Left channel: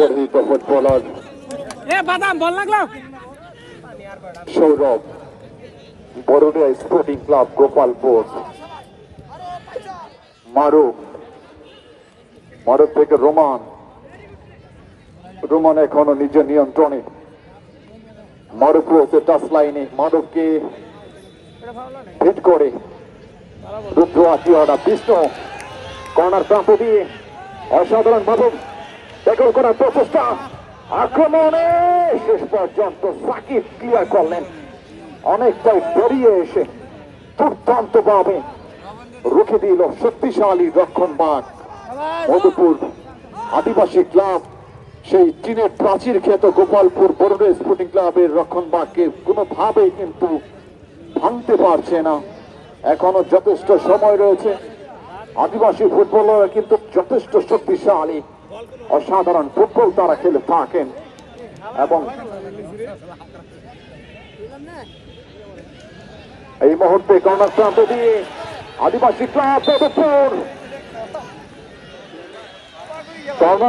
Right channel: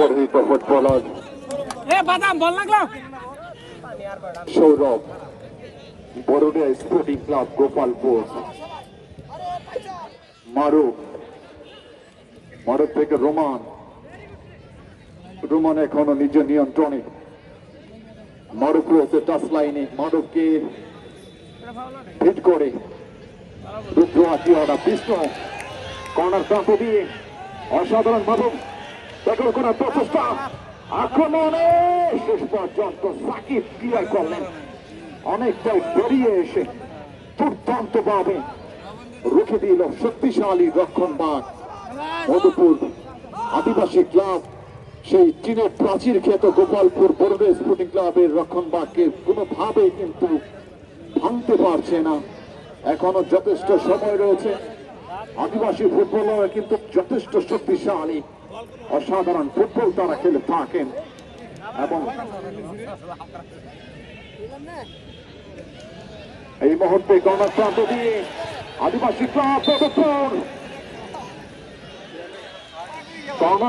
Footballer Sourav Baradia sporting club Gopalpur Maruf Maruf থেকে Roman. Roman এখনও নিজের নিয়ন্ত্রণে। মারুফ রয়েছে টাচ লাইনে মারুফকে হিট করে। রুদ্র আকিয়ানা বিষ্ণু। কর্নার প্রান্তে দিয়ে। অসাধারণ ভাবে ট্যাকল করার প্রচেষ্টা। আক্রমণে শেষ পর্যন্ত সাকিব ক্লিয়ার করলেন। অনেকটাই বেরিয়ে এসে দুর্দান্ত ভাবে রুখে দিল শক্তিশালী রক্ষণ বাঘ মধুপুর আদিবাসী ক্লাব, সেই চীনের প্রাচীর খ্যাত গোপালপুর বড়দে স্পোর্টিং ক্লাবের রক্ষণ বাঘকে কোনোভাবেই কিন্তু ভাঙতে পারছে না। এখনও যথেষ্ট সময় রয়েছে। আদিবাসী ফুটবলাররা কিন্তু যথেষ্ট শক্তিশালী। অসাধারণ ফুটবল তারা খেলে থাকেন এবং এই মুহূর্তে কর্ণাক্রান্ত দিয়ে আদিবাসী ক্লাব